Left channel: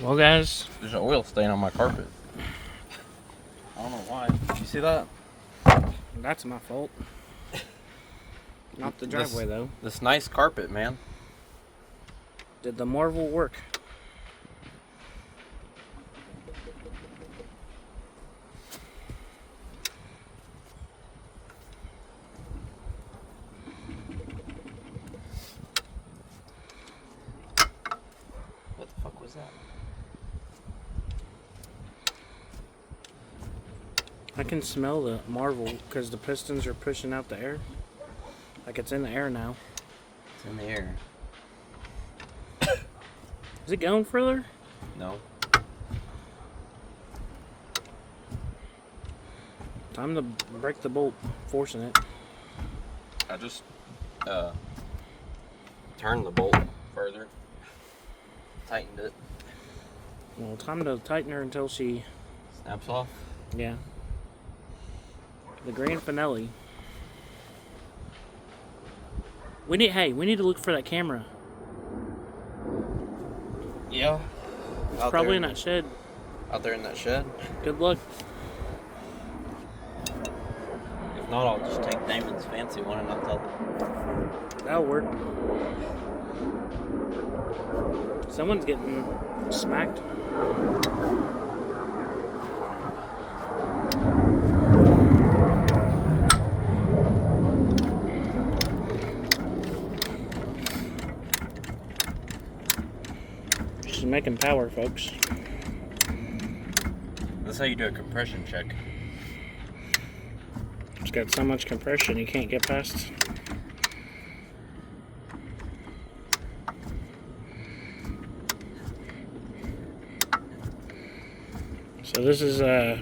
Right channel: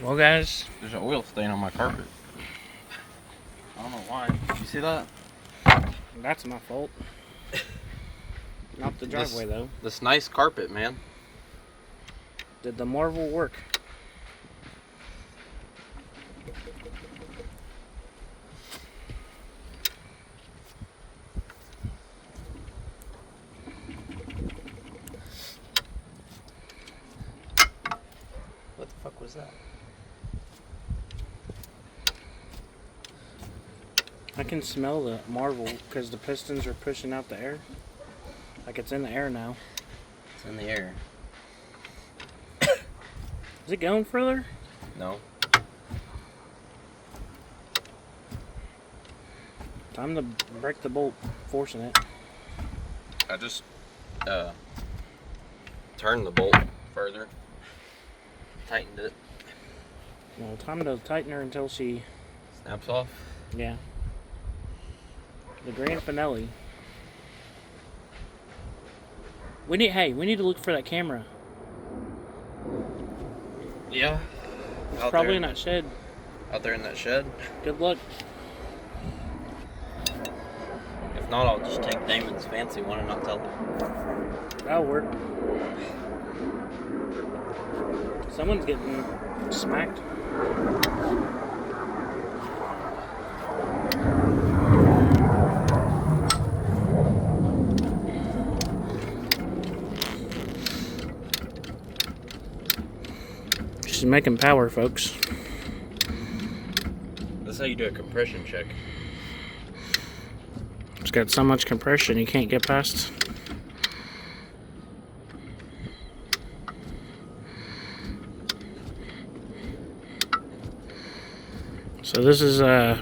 Well, guys, there's an oil stain on my carpet. I don't know why. You see that? that's my fault. Not the driveway, though. This nice carpet, man. Did the marvel work? What the fuck was that? I can smell the marvel because the pistons are pushing out the air. Like it's in the air now. It's in the air. Is it going further? No. Time to break the bolt, forcing it. I just turned the bolt further. Tightened it. Well, time to tighten her until she... Snaps off. Yeah. The grand finale. We need to look for that camera. Yeah. It's probably in that shed. Out there in that shed. Good luck. If not, I'll just take Damon's fancy one and not tell him. That'll work. Someone's getting smacked. She's making power, folks. That's how you do a compression check. It's got so much compression you can't get past. So this is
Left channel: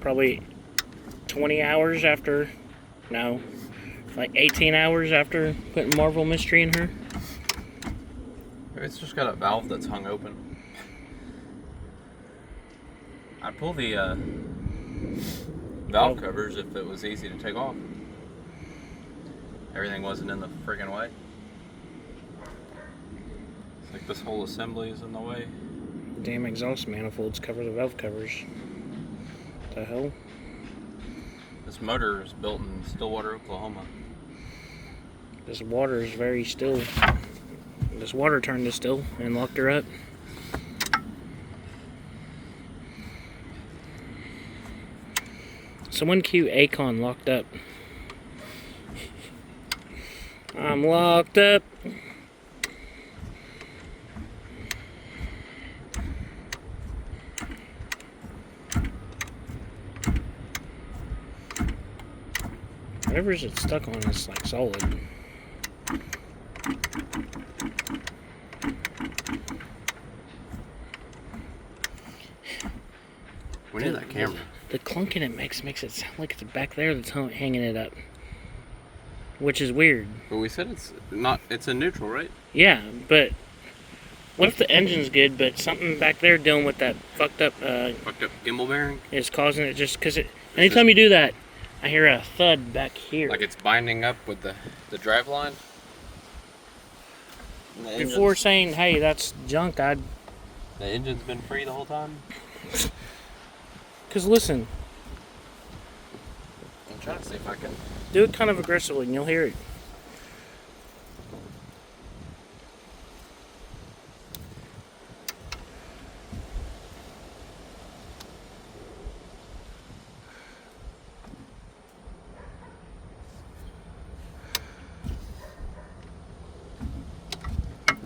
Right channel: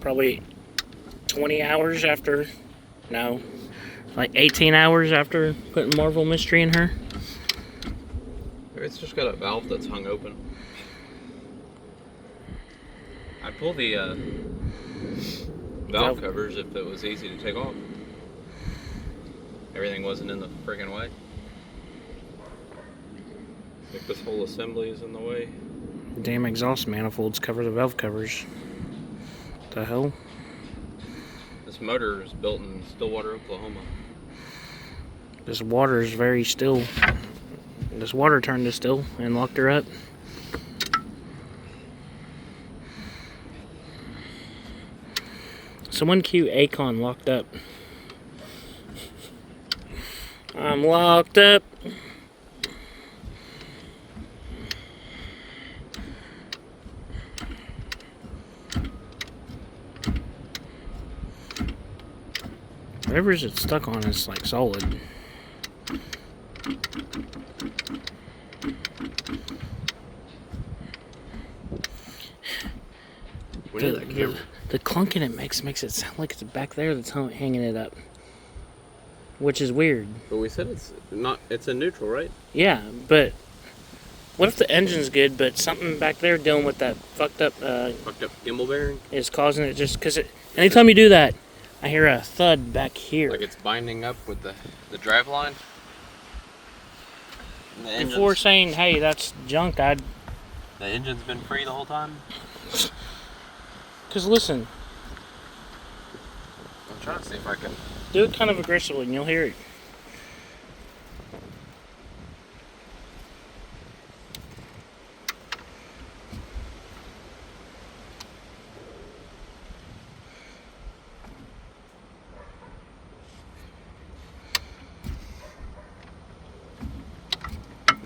probably 20 hours after, no, like 18 hours after putting Marvel Mystery in her. It's just got a valve that's hung open. I'd pull the valve covers if it was easy to take off. Everything wasn't in the friggin' way. Like this whole assembly is in the way. Damn exhaust manifolds cover the valve covers. The hell? This motor is built in Stillwater, Oklahoma. This water is very still. This water turned to still and locked her up. Someone cue Akon locked up. I'm locked up. Whatever's it stuck on is like solid. We need that camera. The clunking it makes it sound like it's back there that's hanging it up. Which is weird. But we said it's in neutral, right? Yeah, but what if the engine's good, but something back there dealing with that fucked up Gimbal bearing? is causing it just because anytime you do that, I hear a thud back here. Like it's binding up with the drive line? Before saying, hey, that's junk, The engine's been free the whole time? Because listen. I'm trying to see if I can... Do it kind of aggressively and you'll hear it.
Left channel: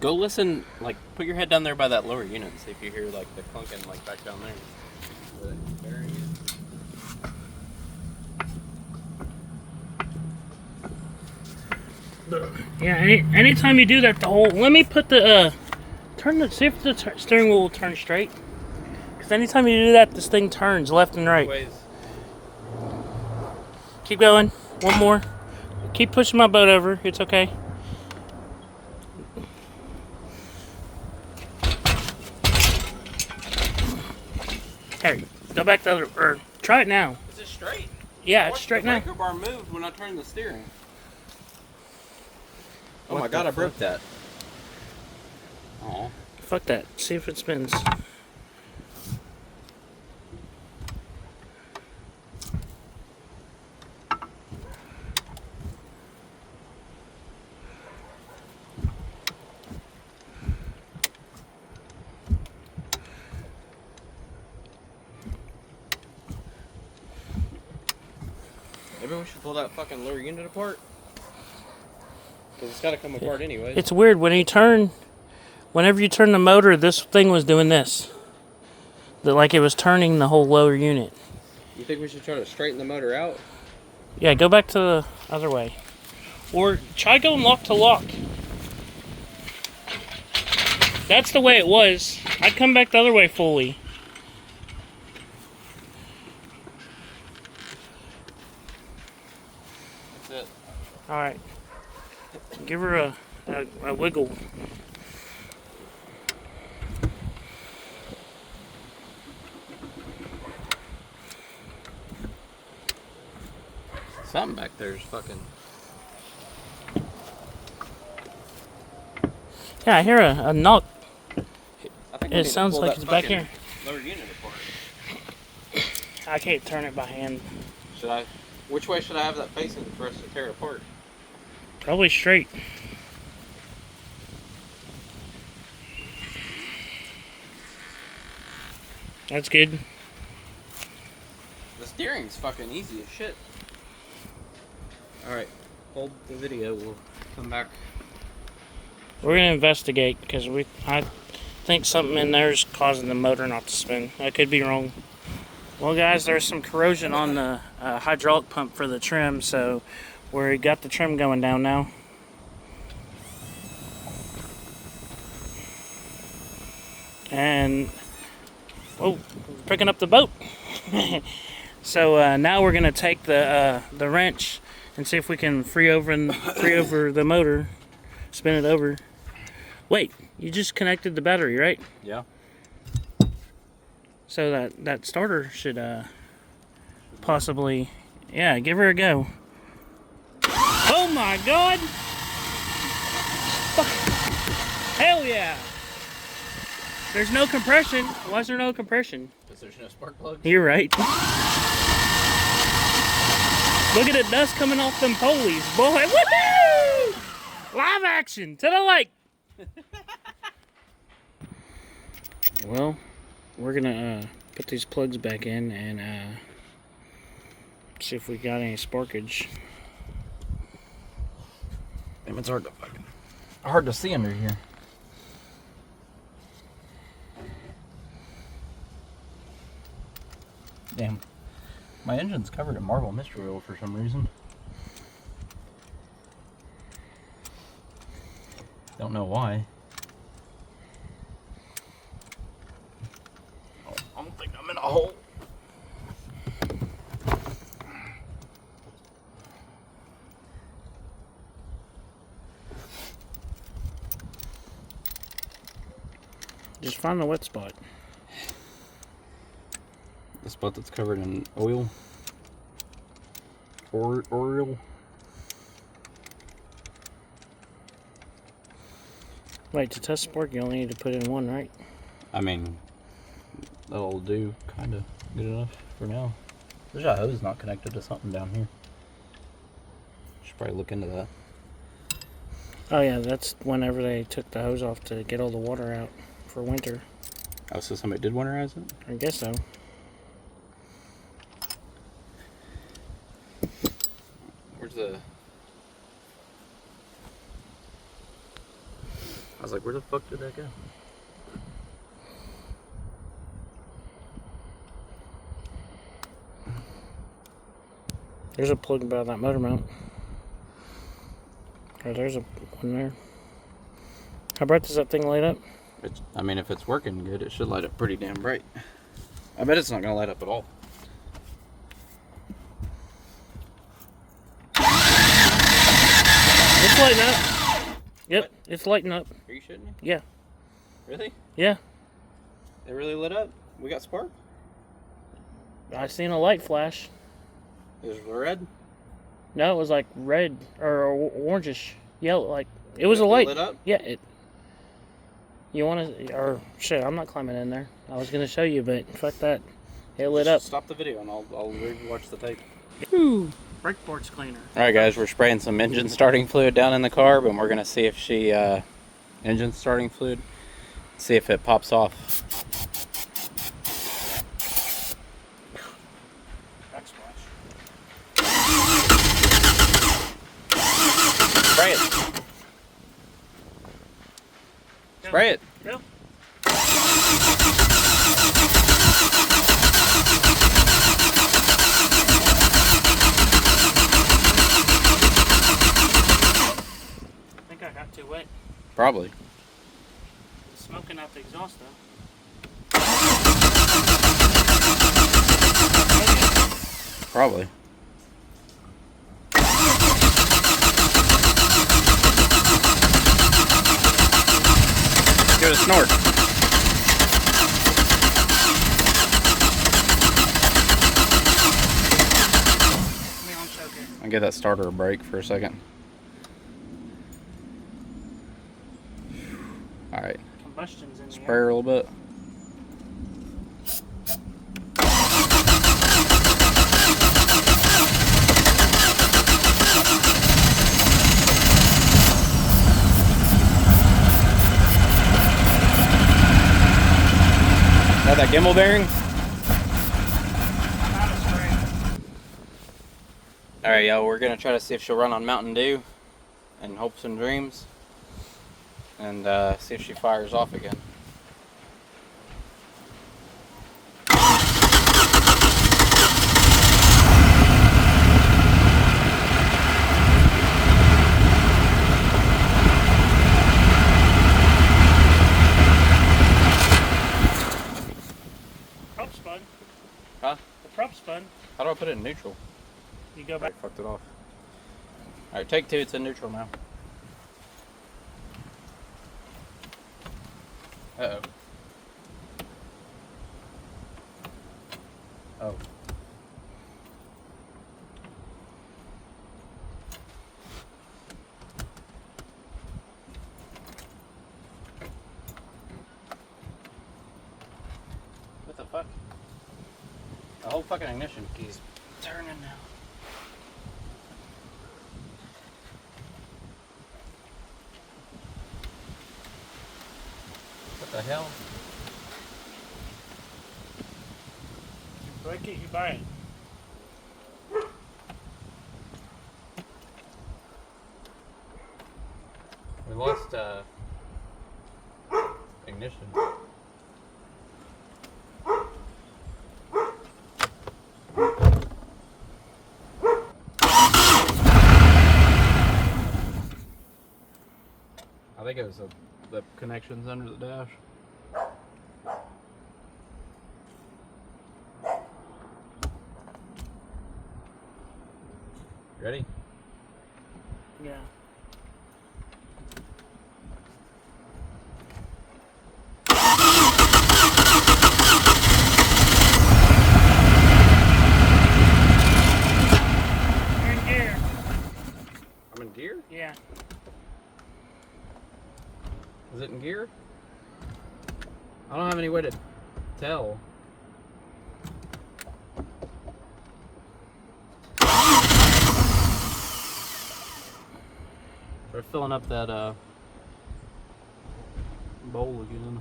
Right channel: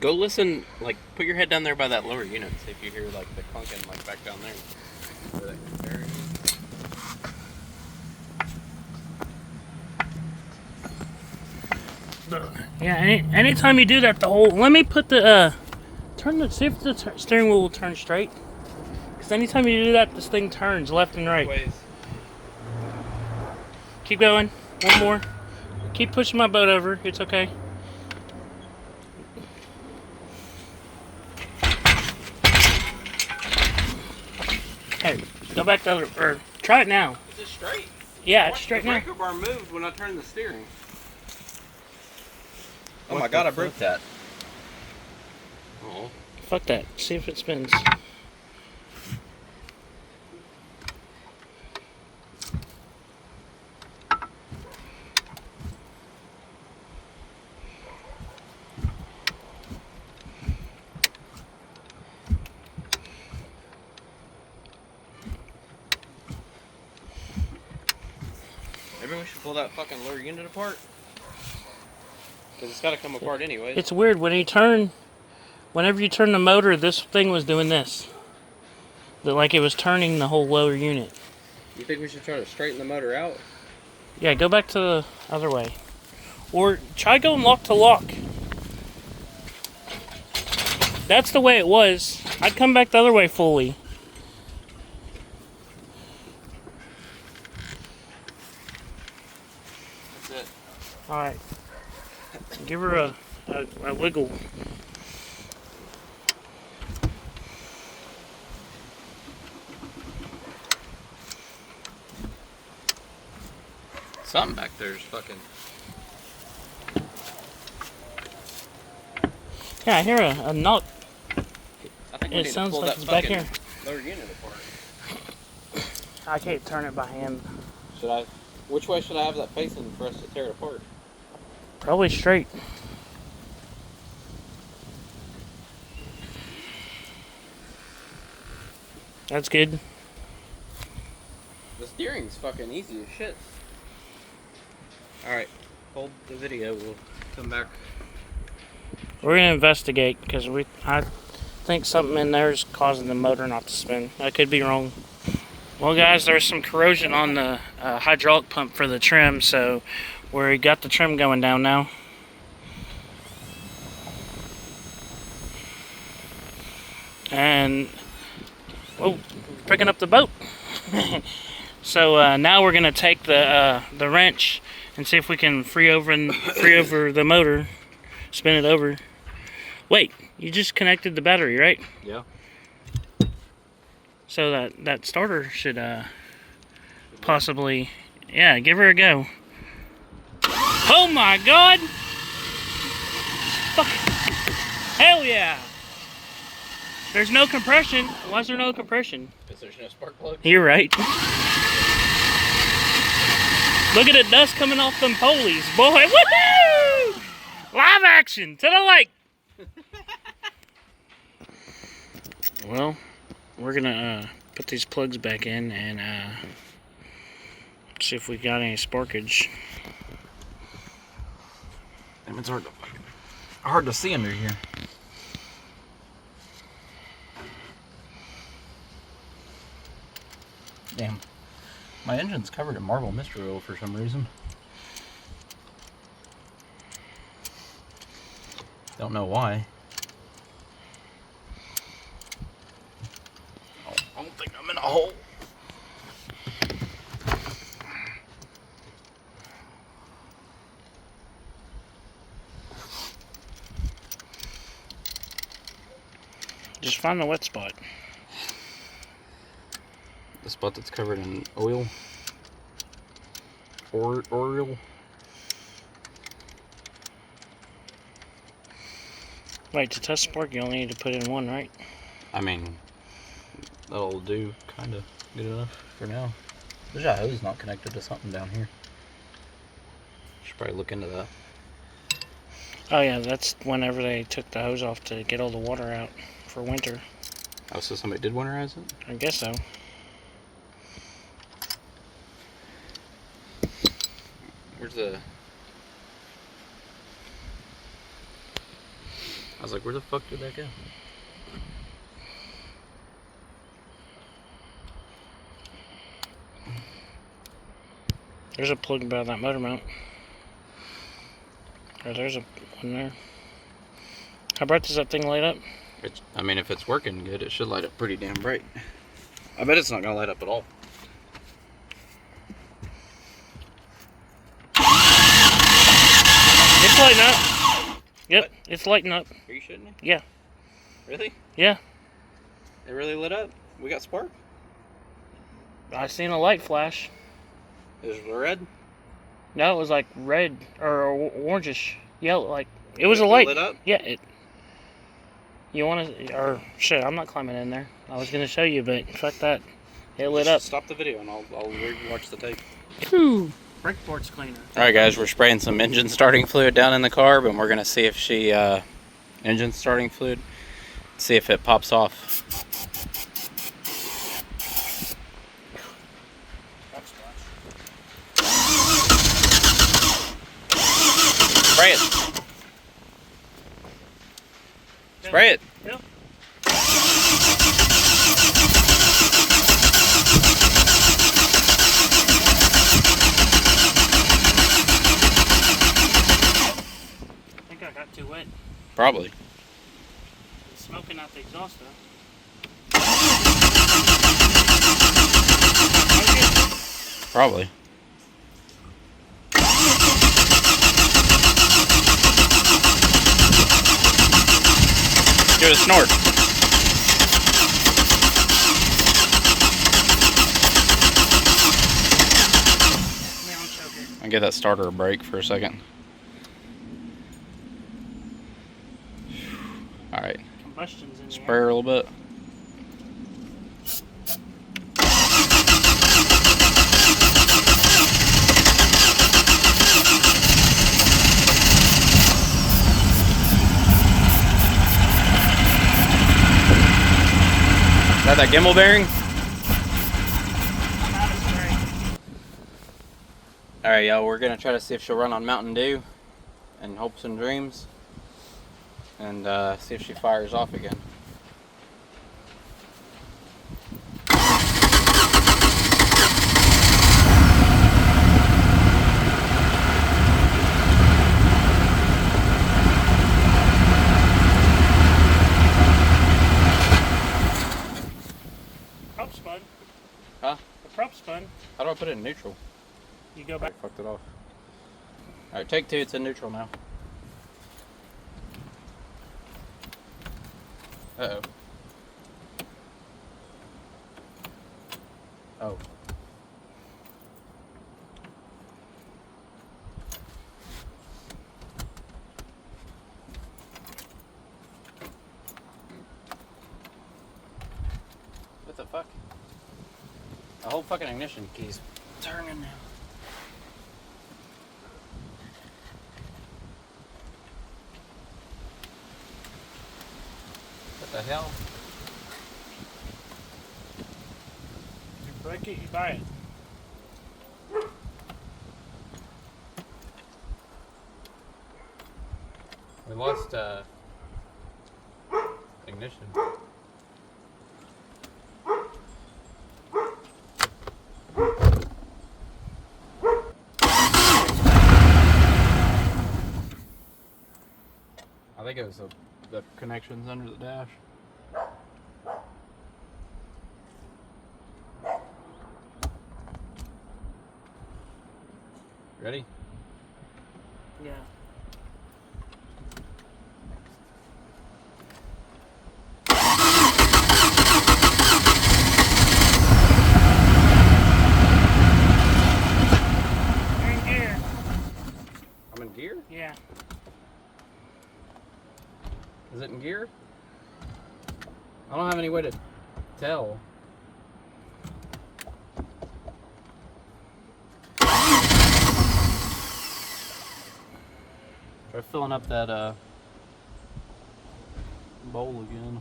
Go listen, like, put your head down there by that lower unit and see if you hear, like, the clunking, like, back down there. Where that bearing is. Yeah, anytime you do that, let me put the, see if the steering wheel will turn straight. Because anytime you do that, this thing turns left and right. Ways. Keep going. One more. Keep pushing my boat over. It's okay. Hey, go back the other, or try it now. Is it straight? Yeah, it's straight now. The breaker bar moved when I turned the steering. Oh my god, I broke that. Oh. Fuck that. See if it spins. Maybe we should pull that fucking lower unit apart. Because it's got to come apart anyway. It's weird when whenever you turn the motor, this thing was doing this. Like it was turning the whole lower unit. You think we should try to straighten the motor out? Yeah, go back to the other way. Or try going lock to lock. That's the way it was. I'd come back the other way fully. That's it. Alright. Give her a wiggle. Something back there is fucking... Yeah, I hear a knock. I think It sounds like it's back here. Lower unit apart. I can't turn it by hand. Should I? Which way should I have that facing for us to tear it apart? Probably straight. That's good. The steering's fucking easy as shit. Alright, hold the video, we'll come back. We're gonna investigate because I think something in there is causing the motor not to spin. I could be wrong. Well, guys, there's some corrosion on the hydraulic pump for the trim, so we got the trim going down now. And picking up the boat. So now we're gonna take the wrench and see if we can free over the motor, spin it over. Wait, you just connected the battery, right? Yeah. So that starter should possibly, yeah, give her a go. Oh my God! Fuck. Hell yeah! There's no compression. Why is there no compression? Because there's no spark plug. You're right. Look at the dust coming off them pulleys, boy. Woohoo! Live action to the lake. Well, we're gonna put these plugs back in and see if we got any sparkage. Damn, it's hard to see under here. Damn, my engine's covered in marble mystery oil for some reason. Don't know why. Oh, I don't think I'm in a hole. Just find the wet spot. The spot that's covered in oil. Oil. Wait, to test spark, you only need to put in one, right? I mean, that'll do kind of good enough for now. There's a hose not connected to something down here. Should probably look into that. Oh yeah, that's whenever they took the hose off to get all the water out for winter. Oh, so somebody did winterize it? I guess so. Where's the... I was like, where the fuck did that go? There's a plug by that motor mount. Oh, there's one there. How bright does that thing light up? I mean, if it's working good, it should light up pretty damn bright. I bet it's not gonna light up at all. It's lighting up. Yep, what? It's lighting up. Are you shitting me? Yeah. Really? Yeah. It really lit up? We got spark? I seen a light flash. Is it red? No, it was like red or orangish yellow. Like it was a light. Lit up? Yeah. You want to? Or shit, I'm not climbing in there. I was gonna show you, but fuck that. It lit up. Stop the video and I'll watch the tape. Whew. Brake board's cleaner. Alright guys, we're spraying some engine starting fluid down in the carb and we're going to see if engine starting fluid, see if it pops off. Spray it. Spray it. Yep. I think I got too wet. Probably. It's smoking out the exhaust though. Probably. Give it a snort. I'll give that starter a break for a second. Alright. Combustion's in the Spray air. her a little bit. Is that gimbal bearing? I'm out of spray. Alright, y'all, we're gonna try to see if she'll run on Mountain Dew and hopes and dreams, and see if she fires off again. Prop spun. Huh? The prop spun. How do I put it in neutral? You go back. I fucked it off. Alright, take two, it's in neutral now. Uh-oh. Oh. What the fuck? The whole fucking ignition key's turning now. What the hell? You break it, you buy it. We lost ignition. I think it was the connections under the dash. Ready? Yeah. You're in gear. I'm in gear? Yeah. Is it in gear? I don't have any way to tell. We're filling up that bowl again.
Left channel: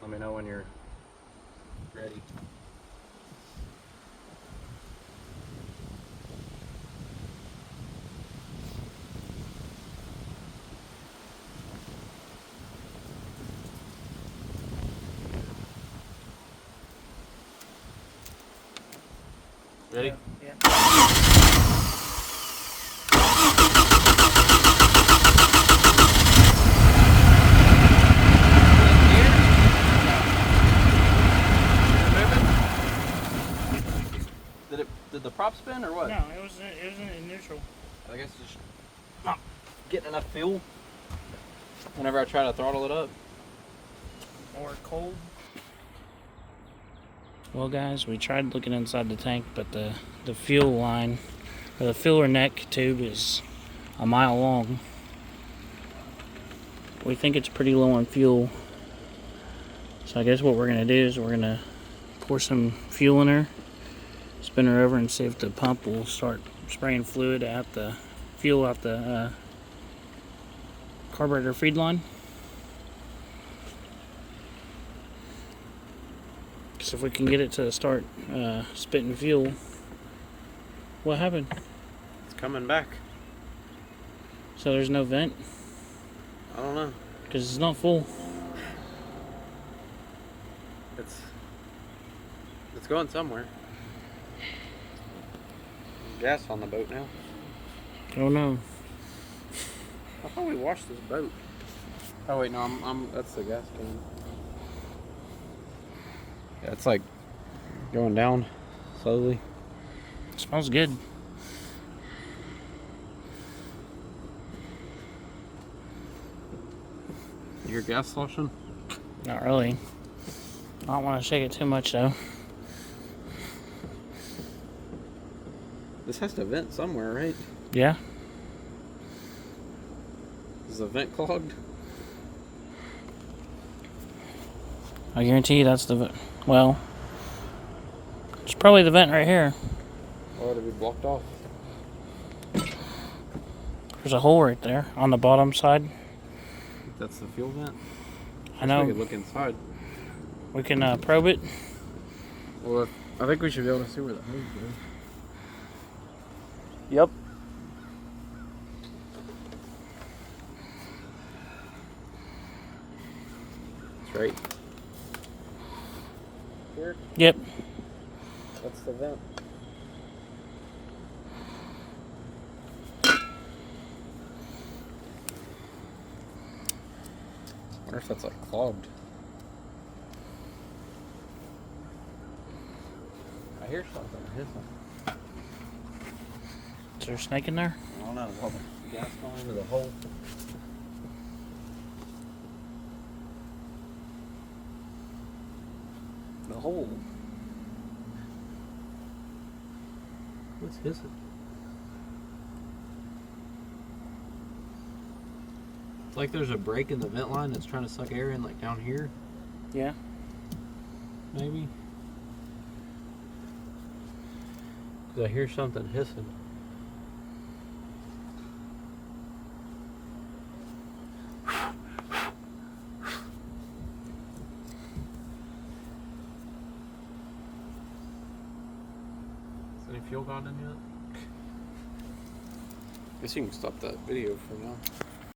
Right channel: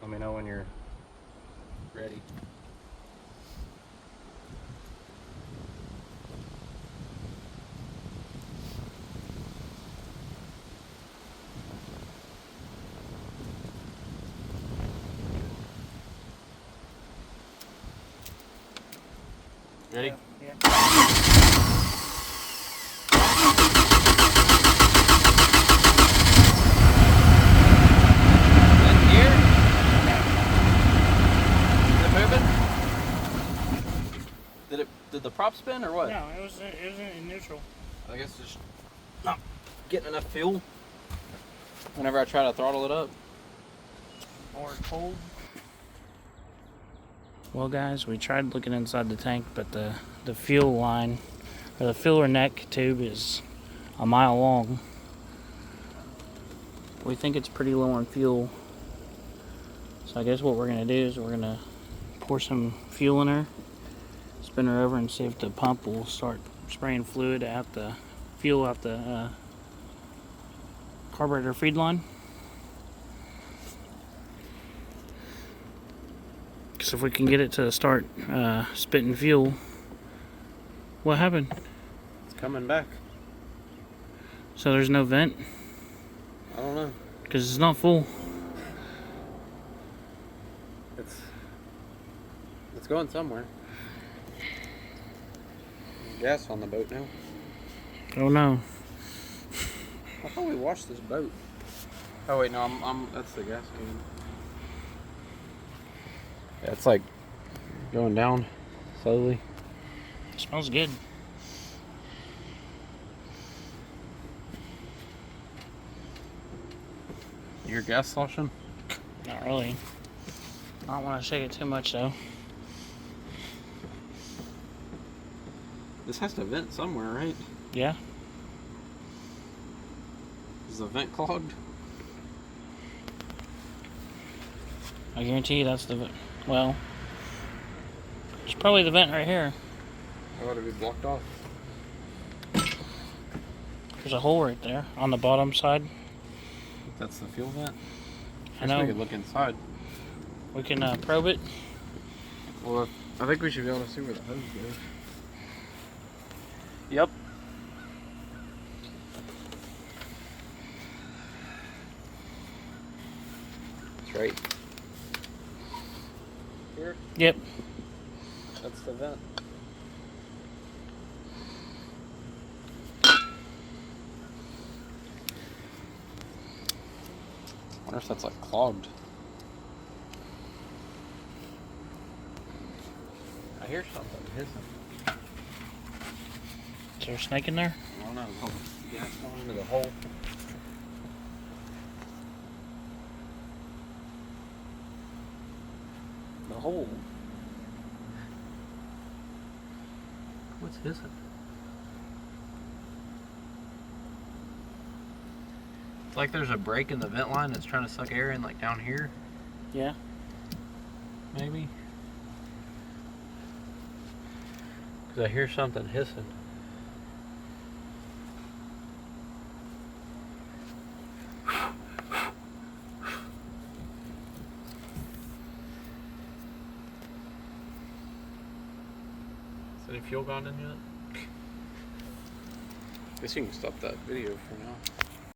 Let me know when you're ready. Ready? Yeah. Did the prop spin or what? No, it was in neutral. I guess it's not getting enough fuel whenever I try to throttle it up. Or cold. Well guys, we tried looking inside the tank, but the fuel line, or the filler neck tube is a mile long. We think it's pretty low on fuel. So I guess what we're gonna do is we're gonna pour some fuel in her, spin her over and see if the pump will start spraying fluid out the fuel out the carburetor feed line. So if we can get it to start spitting fuel, What happened? It's coming back. So there's no vent? I don't know. Because it's not full. It's going somewhere. Gas on the boat now. Oh no. I thought we washed this boat. Oh wait, no, that's the gas can. Yeah, it's like going down slowly. It smells good. You hear gas sloshing? Not really. I don't want to shake it too much though. This has to vent somewhere, right? Yeah. Is the vent clogged? I guarantee you that's the vent. Well, it's probably the vent right here. Or would it be blocked off? There's a hole right there on the bottom side. That's the fuel vent? I know. We could look inside. We can probe it. Well, I think we should be able to see where the hose goes. Yep. That's right. Here? Yep. That's the vent. I wonder if that's like clogged. I hear something hissing. Is there a snake in there? I don't know. Is all the gas going into the hole? The hole. What's hissing? It's like there's a break in the vent line that's trying to suck air in, like down here, Yeah. maybe. Because I hear something hissing. Is any fuel gone in yet? Guess you can stop that video for now.